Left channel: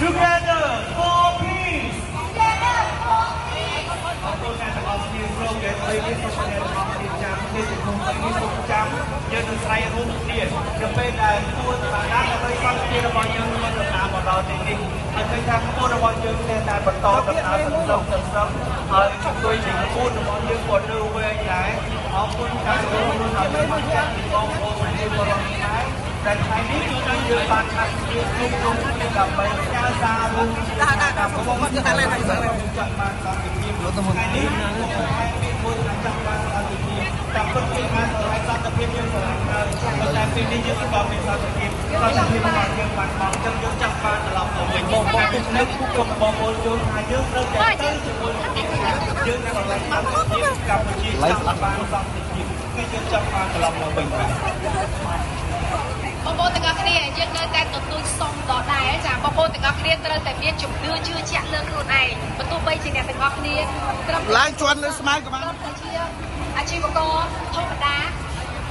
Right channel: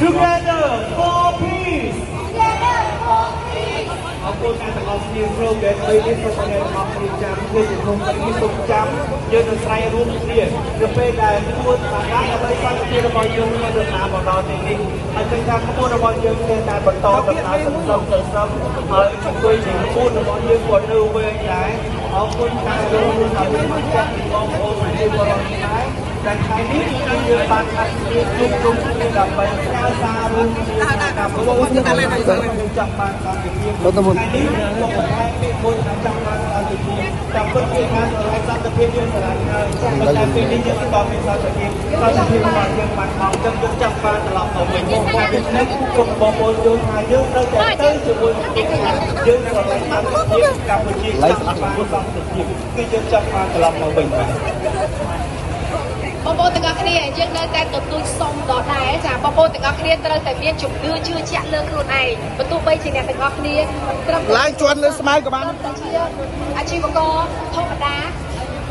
Together for peace អរគុណអ្នកទាំងអស់គ្នាចូលដែលធ្វើនេះសូមអ្នកទាំងអស់គ្នាចាំធ្វើជាគុំនេះសូមចាំយើងនឹងស្វែងរួមគ្នាទៅពេលដែលធ្វើសម្រាប់ដើម្បីសន្តិភាពរបស់យើងមានដំណើរមកដល់ទីនេះហើយគឺថាខ្លួនរបស់យើងមានតែបន្តដំណើរទៅហើយជួយជំនួយរបស់យើងក៏នៅវែងដែរអរគុណខាងលោកនិងចាស់បងប្អូនជាបរិយាកាសតែថ្ងៃនេះយើងបានខាត់គ្នាគ្រប់គ្រងដើម្បីការសាររួមតាមប្រព័ន្ធតាមឡើងទៅចាក់បានតាមវិធីលោកតាមនេះមួយចាំបានអត់ទីតាមពិតជាការសន្តិភាពយើងសម្រាប់តែពេលនេះយើងបានមានសន្តិភាពរបស់យើងបានមកចឹងយើងចាំបានត្រឡប់ទៅវិញបងប្អូននៅគ្រប់បងប្អូនយល់ថាយើងត្រូវតែទៅជាមួយនឹងយើងនៅក្នុងកម្ពុជាឡៃស្លាប់បានសន្តិភាពគឺយើងចាំបានត្រឡប់ទៅវិញបងប្អូនទាំងអស់គ្នាយើងនៅតែទទួលសុំដដែលចាបងប្អូនទាំងអស់គ្នាត្រូវតែមានជំនឿជឿជាក់លើខ្លួនឯងបើទោះបីជាអ្នកទាំងអស់គ្នាឡើងជន់លើស្មៅក៏បានអាជីវករធម្មតា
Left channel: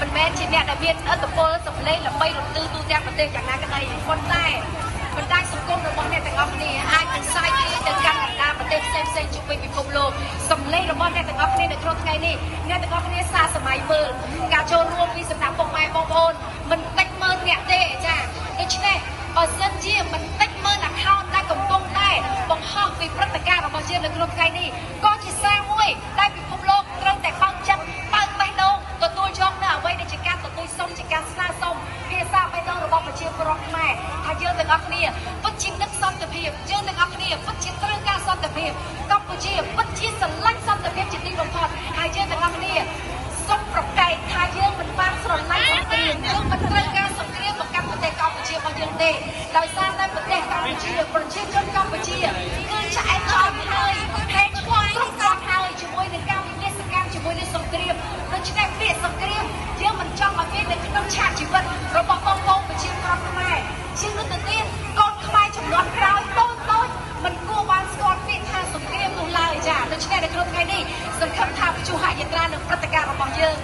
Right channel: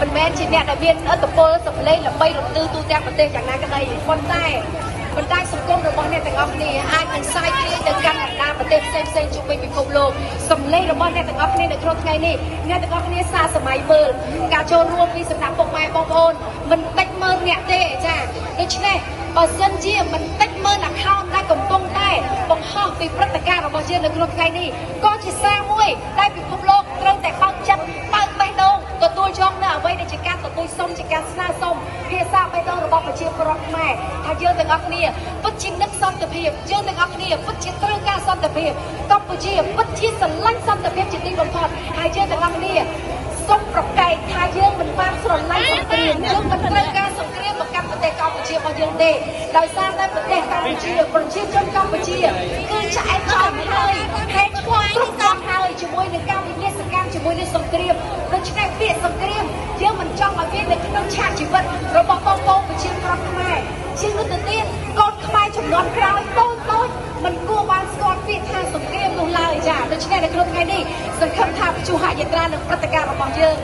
មិនមែនជាអ្នកដែលមានឥទ្ធិពលសម្លេងដើម្បីរំលឹកទូទាំងប្រទេសកាលណាក្តីប៉ុន្តែសង្គមរបស់អ្នកទាំងអស់គ្នាអាចនឹងផ្សាយគ្នាទៅកាន់បណ្ដាប្រទេសផ្សេងៗជុំវិញពិភពលោកសម្លេងរបស់អ្នកទាំងអស់គ្នានៅក្នុងថ្ងៃនេះអ្នកទាំងអស់គ្នាសារសម័យមើលការចូលរួមពីសំណាក់ពុកម៉ែបងប្អូនមិនតិចមើលអ្នកទេចាដូច្នេះបើសិនជាមិនតិចមើល account ដែលកំពុងតែបង្ខំពីព្រឹត្តិការណ៍របស់យើងនៅក្នុងថ្ងៃនេះក៏ជាសារមួយដែលពិភពលោកត្រូវតែខំចិត្តបើកបេះដូងទទួលយកនៅអ្វីដែលជាការប្រគល់សុំជាការស្នើសុំភាសាបេះដូងរបស់ប្រជាពលរដ្ឋខ្មែរហើយយើងទាំងអស់គ្នាពិតជានឹកសន្តិភាពយើងទាំងអស់គ្នាពិតជាត្រូវការសន្តិភាពកម្ពុជាពិតជាស្រឡាញ់សន្តិភាពជាទីបំផុតហើយយើងទាំងអស់គ្នាសូមប្រកែកថាយើងមិនបានស្រឡាញ់សង្គ្រាមយើងមិនត្រូវការសង្គ្រាមមកកាន់ប្រទេសកម្ពុជារបស់យើងទេដោយសារតែប្រទេសកម្ពុជាប្រជាជនកម្ពុជាគឺឆ្អែតឆ្អល់ហើយហេតុខ្វល់គ្រប់ដល់ហើយជាមួយនឹងការវិនិច្ឆ័យកម្មជាមួយនឹងសង្គ្រាមដូច្នេះពាក្យសង្គ្រាមយើងមិនចង់ឲ្យគេនៅក្នុងឆាកជីវិតរបស់បងប្អូនប្រជាពលរដ្ឋខ្មែរជាងទៅទៀតកូនខ្មែរចំនួនក្រោយតូចមិនគួរបានស្គាល់ពាក្យថាសង្គ្រាមនោះឡើយចាដូច្នេះនៅក្នុងថ្ងៃនេះសង្ឃឹមថាជួហយាត្រានិងព្រឹត្តិការណ៍របស់យើង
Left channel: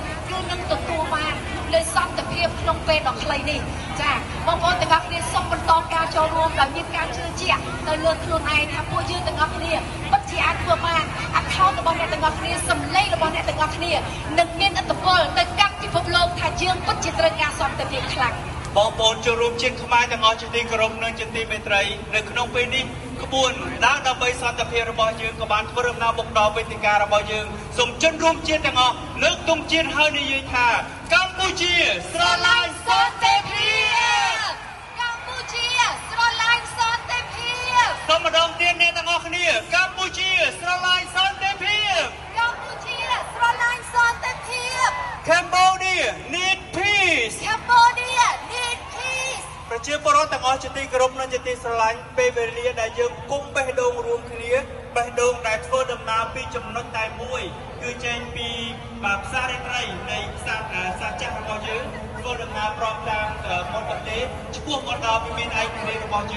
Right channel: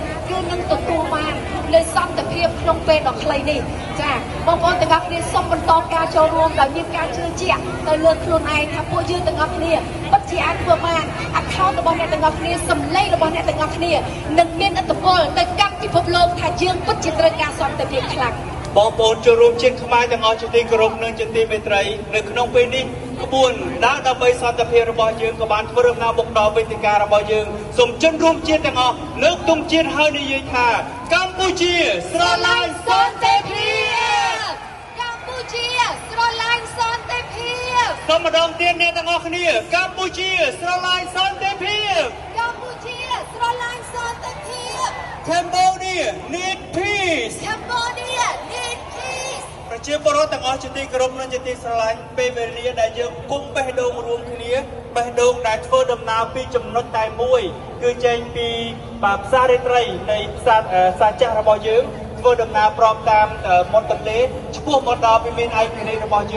នឹងទទួលបាននូវសន្តិភាពក្នុងពេលដ៏ខ្លីនេះចាបងប្អូនទាំងអស់គ្នាសូមបន្តការចូលរួមដោយមានការជឿជាក់ទៅលើខ្លួនឯងថាពួកយើងទាំងអស់គ្នាពិតជាអាចធ្វើបាន account របស់អ្នកទាំងអស់គ្នាសម្លេងរបស់អ្នកទាំងអស់គ្នានឹងមានឥទ្ធិពលទៅកាន់ពិភពលោកថាយើងពិតជាត្រូវការសន្តិភាពខ្លាំងបងប្អូនចូលរួមជាតិខ្មែរទាំងអស់ជាទីគោរពនិងជាទីមេត្រីនៅក្នុងពេលនេះក្បួនដើរដើម្បីសន្តិភាពរបស់យើងក៏បានធ្វើដំណើរមកដល់វេទិការបស់យើងសូមជនរួមជាតិទាំងអស់លើកទង់ជាតិហើយនិយាយថាកម្ពុជាស្រឡាញ់សន្តិភាពកម្ពុជាស្រឡាញ់សន្តិភាពសូមម្ដងទៀតអ្នកទាំងអស់គ្នាកម្ពុជាស្រឡាញ់សន្តិភាពកម្ពុជាស្រឡាញ់សន្តិភាព Cambodia need peace Cambodia need peace ប្រជាពលរដ្ឋទាំងអស់ជាទីគោរពនិងជាទីស្រឡាញ់ពេលវេលាដែលយើងគុំបេះដូងរួមគ្នាបេះដូងដែលធ្វើដំណើរពីចំណុចតែមួយគឺចេញពីផ្សាររាត្រីនៃសាចាស់របស់យើងធ្វើដំណើរព្រមតាមមាត់ទន្លេឆ្ពោះមកដល់វិមានឯករាជ្យរបស់យើង